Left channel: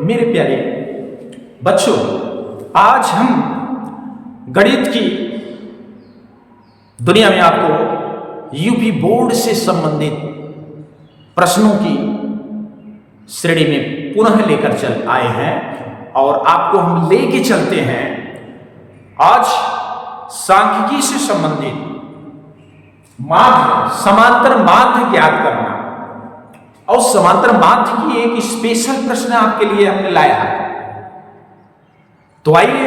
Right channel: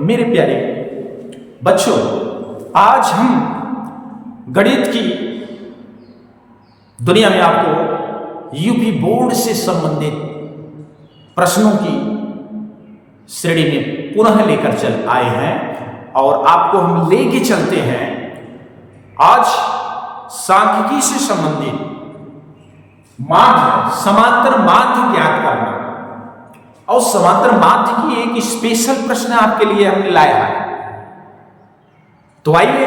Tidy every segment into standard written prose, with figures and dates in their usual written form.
मेरे प्यारे बच्चों, आज हम गणित की दुनिया में आपको यूपी बोर्ड से संबंधित प्रश्नों की श्रेणी में पुनः लेकर चल आए हैं और आपको हम लेके चलते हैं आज सांख्यिकी से संबंधित माध्य, समांतर माध्य ज्ञात करना। और समांतर माध्य की एक स्पेशल प्रश्न आपके लिए हमने लाया है। तो आइए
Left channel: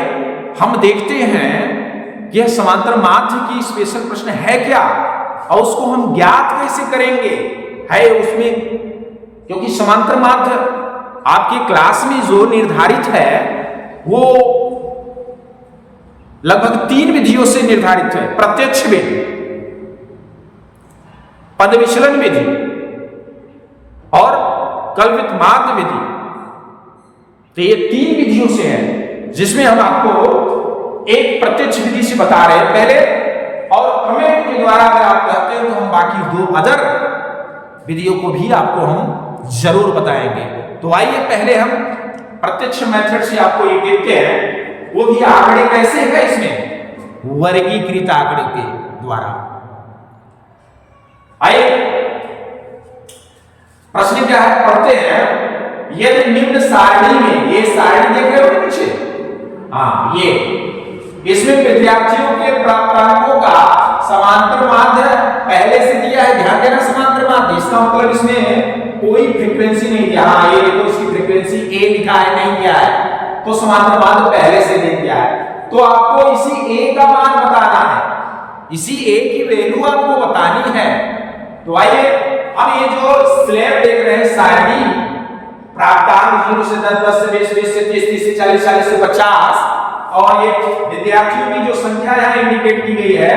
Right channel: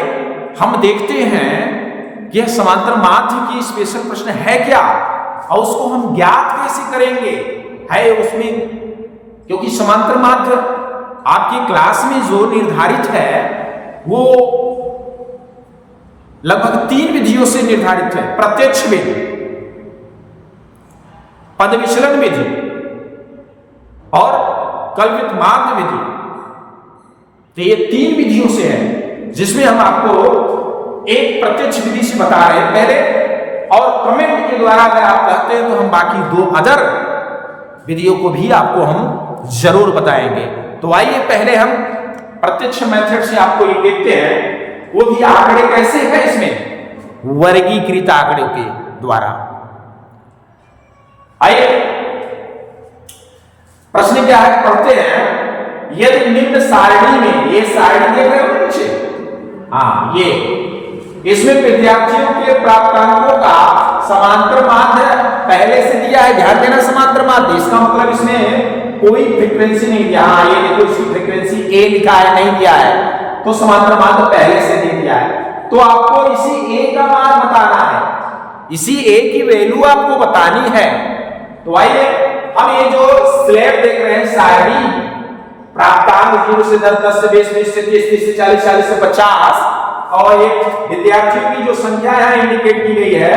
हम देखते हैं कि यह समांतर माध्य की स्पेशल प्रश्न है क्या और उसको हम ज्ञात कैसे करेंगे। है उसमें, क्योंकि समांतर माध्य आपकी क्लास में जो निर्धारित है वो लगभग 3 विधियों से निर्धारित है। प्रत्यक्ष विधि, पद विचलन विधि और कल्पित माध्य विधि। तो ये 3 विधियों से है, जिसमें हम आपको एक प्रत्यक्ष विधि से बता रहे हैं पहले, और कमेंट के द्वारा अगर आप कहते हैं तो हम बाकी 2 अदर विधियों को भी आपको हम जरूर बताएंगे। तो आइए पहले हम प्रत्यक्ष मेथड से आपको ये देखते हैं, वो भी आंकड़े कैसे है इसमें, वर्गीकृत आंकड़ों के द्वारा। आइए प्रश्न क्या है, पढ़ते हैं। यदि निम्न सारणी में, ये सारणी देख रहे हो पीछे, हाँ ये, इसमें विद्यार्थियों के प्राप्तांकों का समांतर माध्य पहले से दिया है। ध्यान देना, समांतर माध्य इसका मतलब इसमें कोई फ्रीक्वेंसी नहीं दिया। हाँ ये देखो, इसकी फ्रीक्वेंसी ए लिखा है, नहीं दिया है, तो समांतर माध्य पहले से दे दिया है। तो आपको इसी ए का मान बताना है, इसी ए की वैल्यू आपको बतानी है। तो आइए हम ये जो स्लैब देख रहे हैं, सारणी, प्राप्तांक 0 से 10, 10 से 20, 20 से 30, 30 से 40, 40 से 50, और ये विद्यार्थियों की जो संख्या यहाँ इंडिकेट की गई है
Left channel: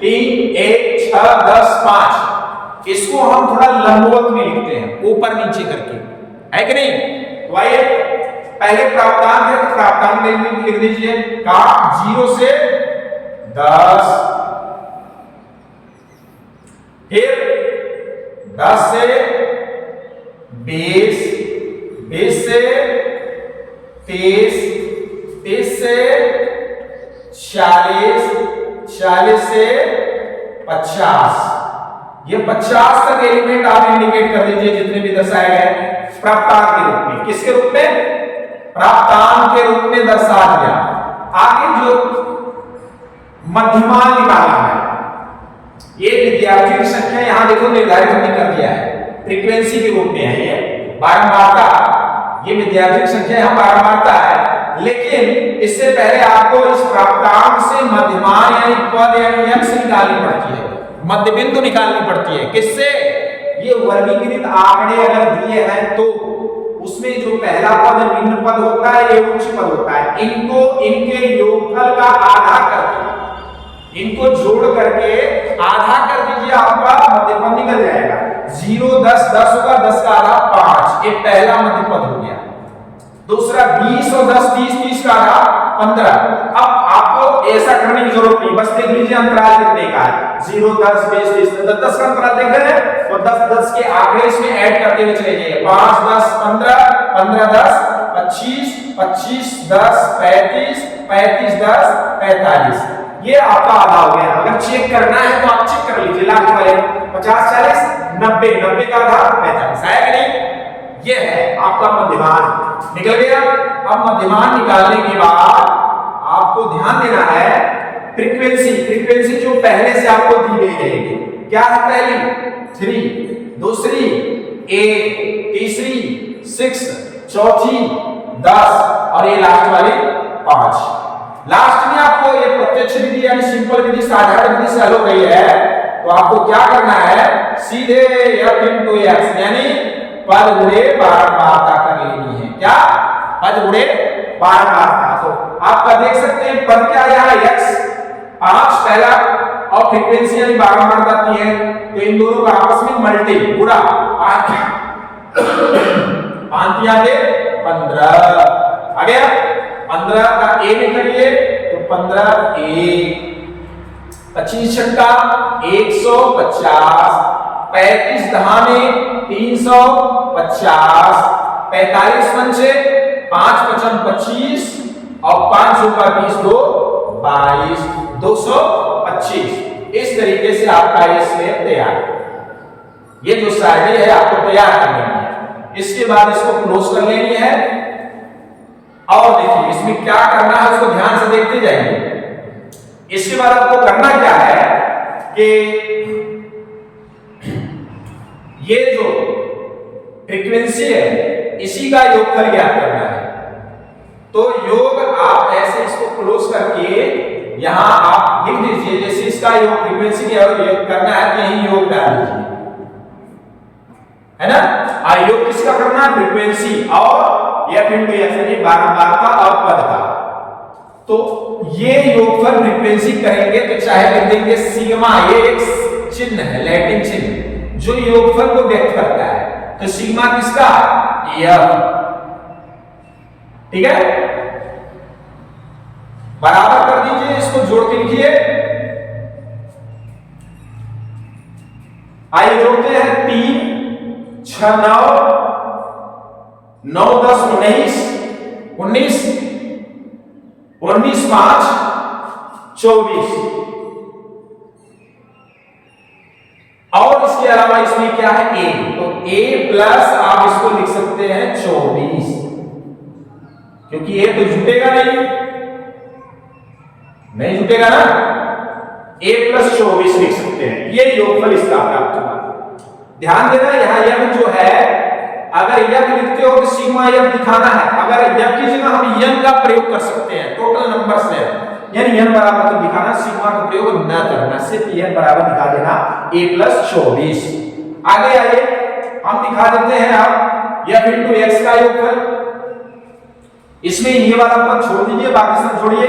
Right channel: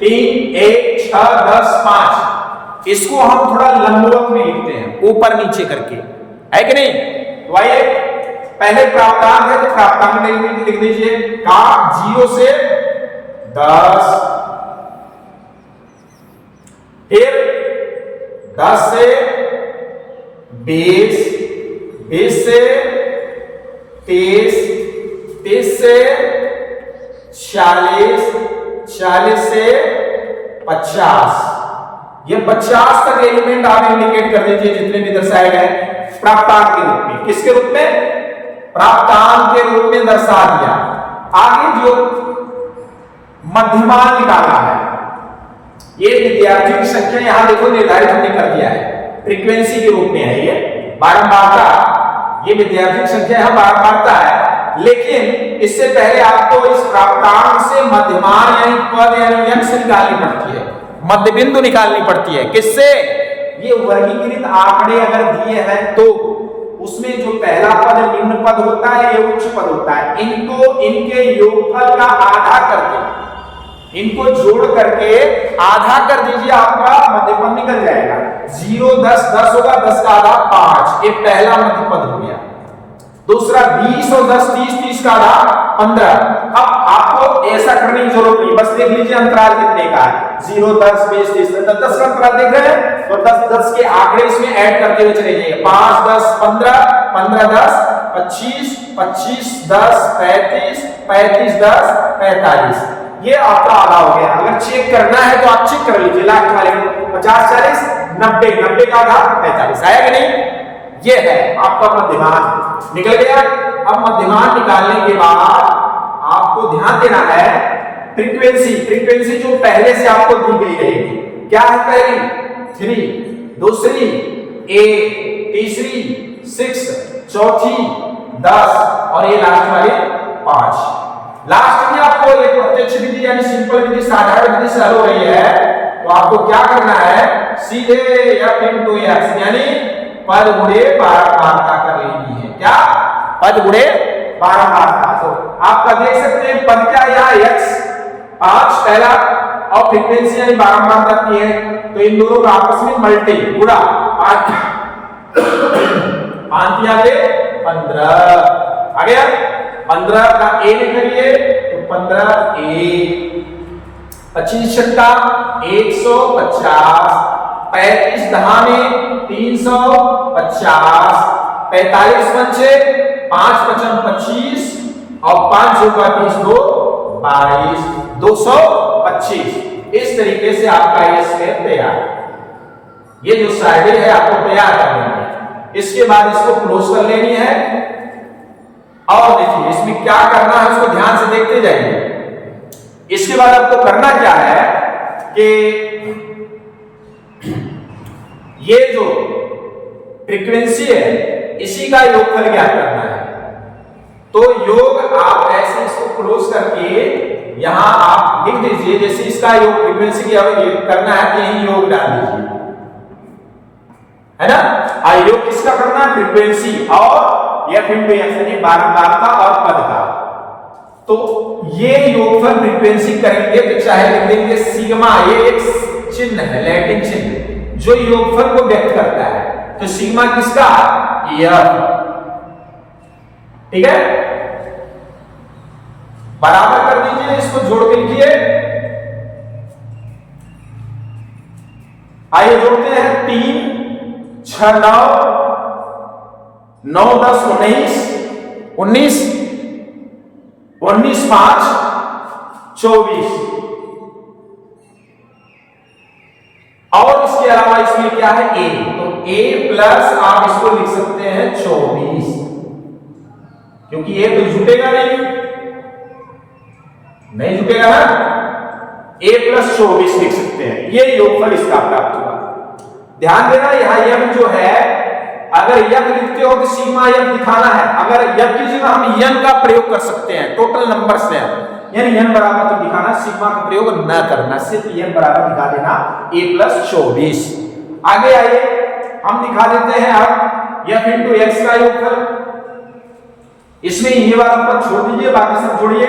3, 1, 6, 10, 5, इसको हम थोड़ा लंबवत में लिखते हैं, ऊपर नीचे करके, है कि नहीं। तो आइए पहले प्राप्तांक है, तो प्राप्तांक लिख दीजिए का 0 से 10, फिर 10 से 20, 20 से 30, 30 से 40, 40 से 50। ये 50 तक एलिमेंट आप इंडिकेट कर दीजिए, जितने भी दर्शाए गए प्राप्तांक के रूप में। किसके रूप में? प्राप्तांक के रूप में दर्शा दिया। आगे जो मध्यमान निकालना है, ये विद्यार्थियों की संख्या यहां देखो निर्धारित हमने कर दिया है, फ्रीक्वेंसी के रूप में है। ये बारंबारता, ये विद्यार्थियों की संख्या यहां बारंबारता है, लेकिन इससे पहले आपको इस प्राप्तांक से मध्यमान यानी पद यानी यक्ष निकालनी पड़ती है, मध्य बिंदु निकालनी पड़ती है। किससे? ये वर्गीकृत आंकड़े अगर दिए हैं तो उसमें जो पहला पद निम्न पद होता है, ये उच्च पद होता है। इनको इनके योगफल का आधा करके, इनको जोड़ करके आधा कर दीजिए, आपका मध्य पद निकल जाएगा। 0, 10, 10 होगा, 10 का आधा 5, ये पहला मध्य पद हो गया। दूसरा 20 और 10, 30, 30 का आधा 15। अब आपको ऐसा करने की जरूरत नहीं, बस देख लीजिए अंतराल कितने का है, 0, 10, 20, 30, 10 का अंतराल देख रहे हैं, तो 10, 10 के आंकड़े इसमें ऐड करते हुए चले जाइए। 5, 10, 15, 15, 10, 25, 25, 10, 35, 35, 10, 45। ये आपका आधा हो गया। अगर चेक करना है तो आप चेक कर लीजिए, लास्ट वाले 50, 40, 90, 90 का आधा 45 आएगा नहीं। ये है आपका मध्यमान निकल गया। अब मध्यमान निकालने के बाद आपको ध्यान देना है फ्रीक्वेंसी, फ्रीक्वेंसी जो पहले से आपको दी गई रहेगी। क्या है? पहली 3, दूसरी 1, तीसरी 6, चौथी 10 और ये लास्ट वाले 5। लास्ट में आपको ये प्रत्यक्ष विधि यानी सिंपल विधि, साधारण विधि से हल हो रही है, तो आपको क्या करना है, सीधे f into x यानी पद गुणे बारंबारता कर लेनी है। क्या? पद गुणे बारंबारता। तो आपका देख सकते हैं पद क्या यहाँ x 5 पहला और फ्रीक्वेंसी यानी बारंबारता की है, तो इन दोनों का आपस में मल्टी गुणा 8 पे 15 आ गया। 15 का a में करिए तो 15 a, 25 छक्का 150, 35 दहा में 350, 45 पंचे 5 पचम 25 और 5 का 20 दो 22 225। इस तरीके से आपका ये स्लैब तैयार। ये जो साइडें है आपको तैयार कर लेनी है। इसके बाद इसको क्लोज कर लेनी है। और देखिए इसमें क्या करना है उसको ध्यान से देखते जाएंगे। इसके बाद आपको करना क्या है कि ये जो फ्रीक्वेंसी है इसी का योगफल ज्ञात करना है। तो योग आप ऐसे इसको क्लोज करके यहां आप लिख दीजिए, जैसे इसका योग फ्रीक्वेंसी क्या करना है तो यही योग डाल दीजिए, है ना। और योग किसका करना है? फ्रीक्वेंसी और एफ इंटू एक्स यानी बारंबारता और पद का। तो ये योगफल फ्रीक्वेंसी करेंगे तो चाहे लिख देंगे सिग्मा, ये एक चिन्ह है लैटिन चिन्ह जो योगफल को व्यक्त करता है। तो सिग्मा किसका? एफ, ठीक है। बराबर कर दीजिए, इसको जोड़ के लिखिए। आइए जोड़ते हैं 3 6 9 9 10 19 19 19 5 24। और इसके अलावा इसमें क्या है? a, तो a प्लस आप इसको लिख सकते हैं 24, क्योंकि a तो जुटेगा नहीं जुटेगा ना। a प्लस 24 लिख सकते हैं। ये योगफल इसका प्राप्त होगा। ध्यान देना यहां यह जो है अगर यक लिखते हो तो सिग्मा यक दिखाना है। अगर यक की जगह हम यन का प्रयोग कर सकते हैं, टोटल नंबर्स है यानी यन बराबर तो दिखाना, सिग्मा का प्रयोग न करना, सिर्फ यन बराबर दिखा देना a प्लस 24। आगे आइए हम दिखा देते हैं अब यफ इंटू एक्स का योगफल। इसमें ये वाला पद छोड़ दीजिए, बाकी सब जोड़िए।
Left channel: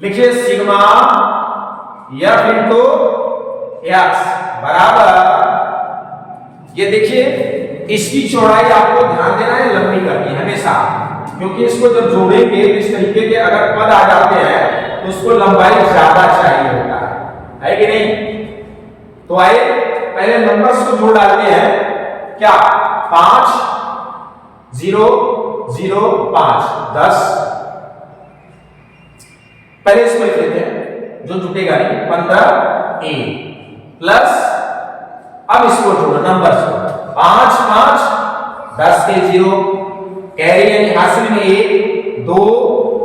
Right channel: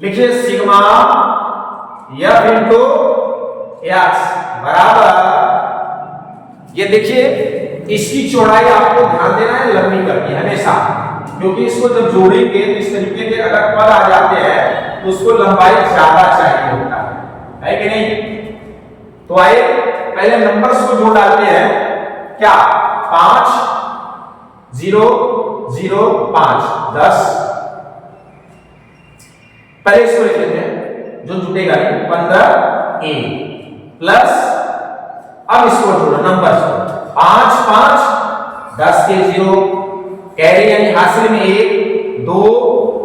लिखिए सिग्मा यफ इंटू एक्स बराबर, ये देखिए इसकी चौड़ाई आपको ध्यान देना है लंबी करनी है हमेशा, क्योंकि इसको जब जोड़ेंगे तो इस तरीके के अगर पद आ जाते हैं तो उसको लंबाई ज्यादा चाहिए होता है कि नहीं। तो आइए पहले नंबर्स को जोड़ डालते हैं। क्या? 5 0 0 5 10। पहले इसको लिख लेते हैं जो जुटेगा नहीं, 15 a प्लस, अब इसको जोड़ो नंबर्स को, 5 5 10 के 0 कैरी यानी हासिल में 1 2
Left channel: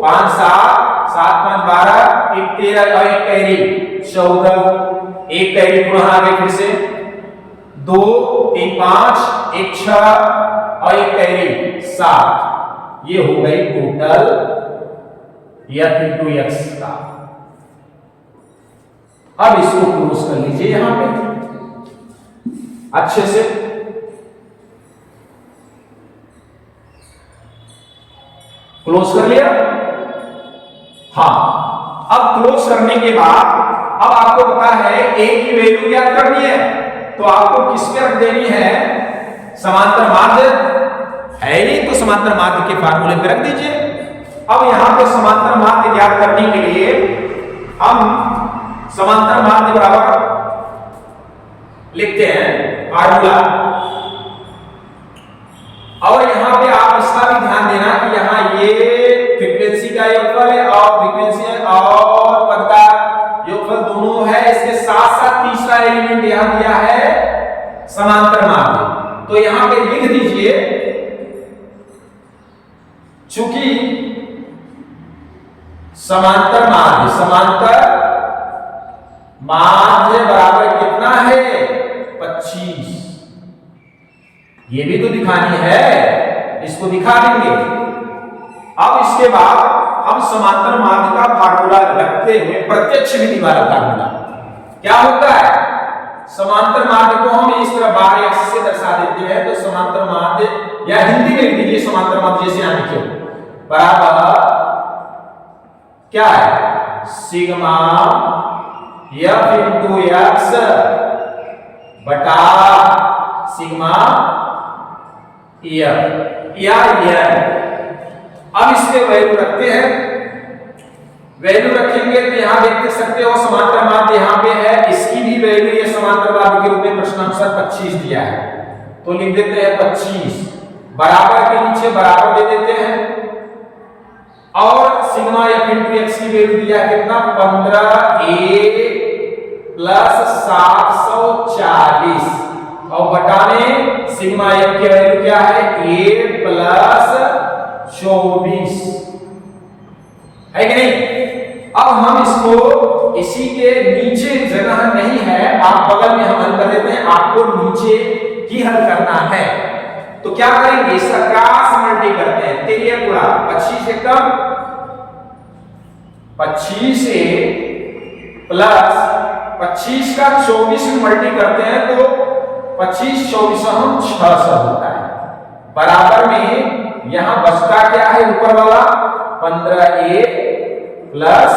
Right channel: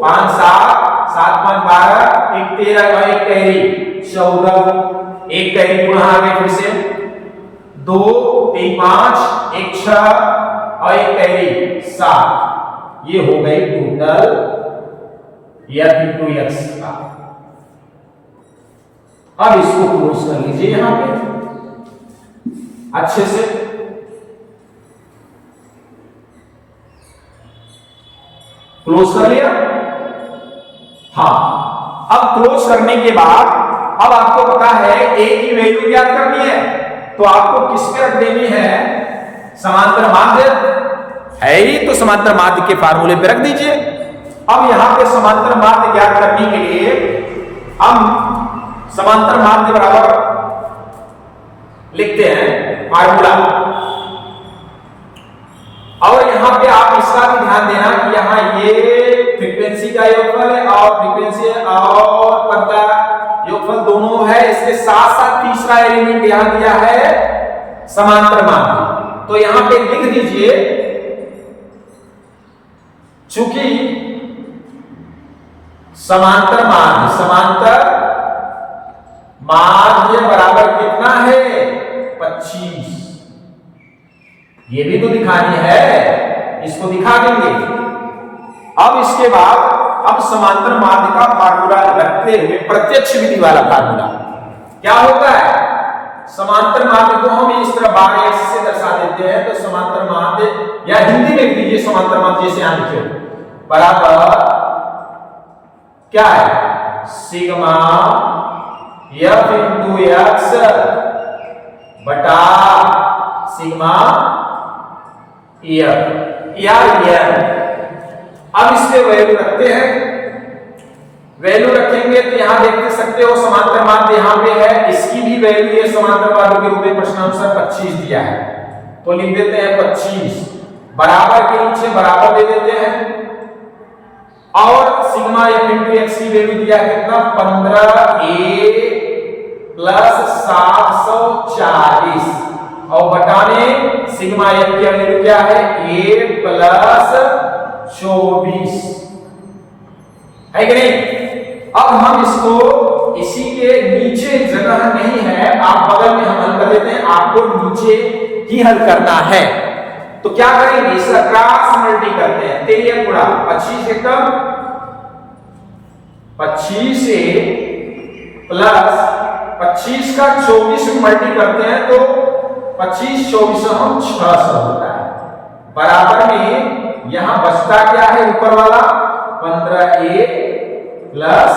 5 7 7 5 12 1 13 और 1 कैरी 14, 1 कैरी पुनः आगे फिर से 2 3 5 1 6 और 1 कैरी 7। ये हो गई टोटल f इंटू एक्स का। अब इसको क्लोज कर लीजिए यहां पे अच्छे से। क्लोज कर लिया। हाँ, अब क्लोज करने के बाद अब आपको पता है a की वैल्यू ज्ञात करनी है, तो आपको किस पे रख देनी है? समांतर माध्य है ही, तो समांतर माध्य के फार्मूले पे रख दीजिए। अब यहां पे समांतर माध्य ज्ञात करने के लिए हम समांतर माध्य बराबर लिखते हैं फार्मूला। और यहां पे आप इसका भी ध्यान देना कि यहां ये फ्रीक्वेंसी का योगफल है और फ्रीक्वेंसी और पद का योगफल दोनों है। इसके साथ साथ तीसरा एलिमेंट यहां दिया है समांतर माध्य। तो यहां पे लिख दीजिए, चूंकि समांतर माध्य बराबर कितना है? 25। ये भी तो दिखानी है, इसको दिखा देंगे। अब इसके बाद अब समांतर माध्य का फार्मूला रखते हुए प्रत्यक्ष विधि वाला फार्मूला क्या होता है? समांतर माध्य को हम इस तरह बार एक्स से दर्शा देते हैं। तो समांतर माध्य या हिंदी में लिख दीजिए समांतर माध्य जैसे यहां लिखे बराबर क्या है? सिग्मा एफ इंटू एक्स बटा सिग्मा एफ या एन। अब इसके वैल्यू रखते हैं। वैल्यू रखेंगे तो यहां देख सकते हो समांतर माध्य यहां पे है, इसकी भी वैल्यू ये समांतर माध्य के रूप में प्रश्नानुसार 25 दिया है, तो लिख देते हैं 25 बराबर के नीचे बराबर दे देते हैं और सिग्मा एफ इंटू एक्स की वैल्यू दिया कितना 15a प्लस 740 और बटा में सिग्मा एफ की वैल्यू क्या है a प्लस 24 है कि नहीं। अब हम इसको इसी के नीचे जगह नहीं है, आप बगल में हम हल कर देते हैं, आपको नीचे ही हल करना है। तो क्या करेंगे, इसका क्रॉस मल्टी करते हैं, 13 गुणा 25 एकम 25 प्लस 25 का 24 में मल्टी करते हैं तो 25 24 हम 600 होता है। बराबर में यहां बचता क्या है ऊपर वाला 15a प्लस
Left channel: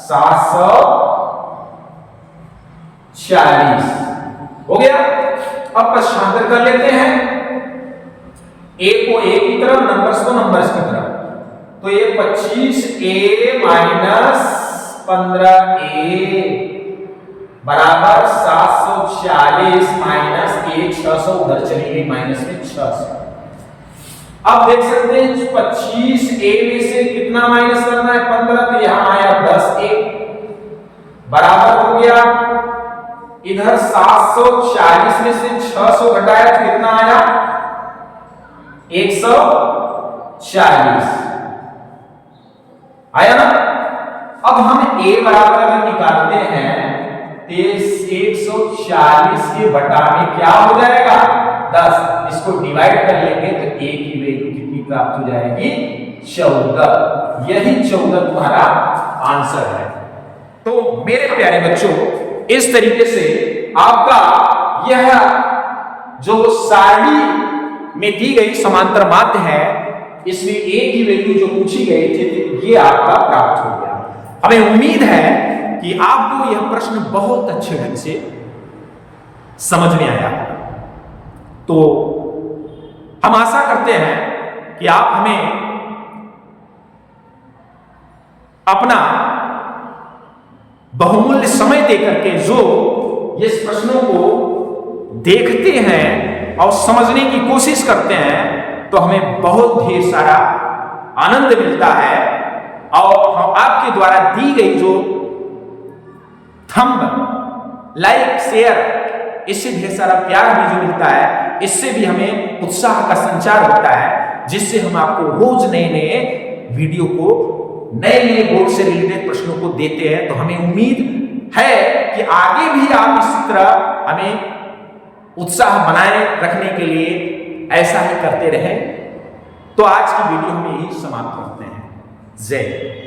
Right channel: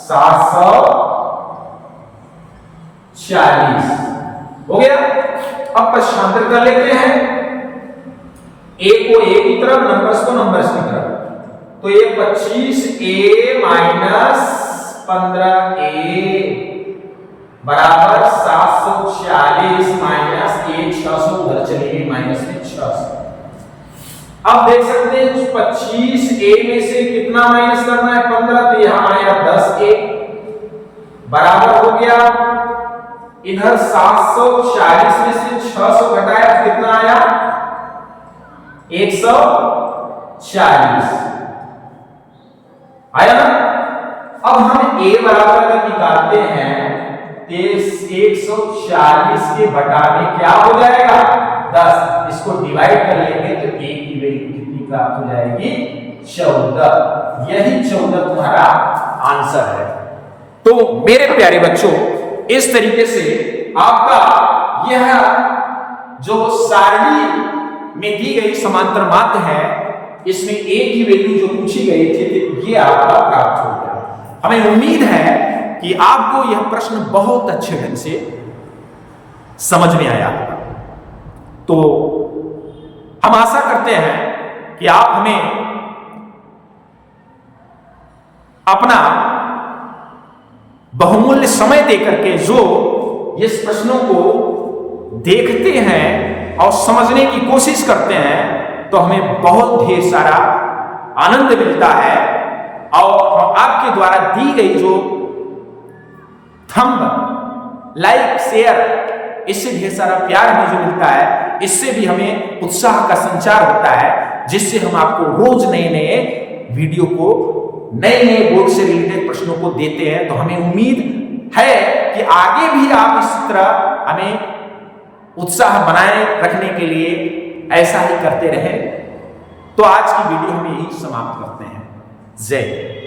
740 हो गया। अब पक्षांतर कर लेते हैं, a को a की तरफ, नंबर्स को नंबर्स की तरफ, तो ये 25a माइनस 15a बराबर 740 माइनस a 600 उधर चली गई माइनस में 600। अब देख सकते हैं 25a में से कितना माइनस करना है 15, तो यहां आया 10a बराबर हो गया, इधर 740 में से 600 घटाया तो कितना आया 140 आया ना। अब हम a बराबर अगर निकालते हैं तो 140 के बटा में क्या हो जाएगा 10, इसको डिवाइड कर लेंगे तो a की वैल्यू कितनी प्राप्त हो जाएगी 14। यही 14 तुम्हारा आंसर है। तो मेरे प्यारे बच्चों, इस तरीके से आपका यह जो सारणी में दी गई समांतर माध्य है, इसमें a की वैल्यू जो पूछी गई थी तो ये आपका प्राप्त हो गया। हमें उम्मीद है कि आपको यह प्रश्न बहुत अच्छे ढंग से समझ में आया होगा। तो हम आशा करते हैं कि आप हमें अपना बहुमूल्य समय देकर के जो इस प्रश्नों को देखते हैं और समझने की कोशिश करते हैं, तो हमें बहुत ढेर सारा आनंद मिलता है और हम आपके द्वारा दी गई जो थंब लाइक शेयर, इससे ढेर सारा प्यार हमें जो मिलता है, इससे भी हमें उत्साह का संचार होता है, जिससे हम आपको रोज नए नए वीडियो को, नए नए बोर्ड से रिलेटेड प्रश्नों को देते हैं। तो हमें उम्मीद है कि आगे भी आप इसी तरह हमें उत्साह बनाए रखने के लिए ऐसा ही करते रहें। तो आज की वीडियो हम यही समाप्त करते हैं। जय हिंद।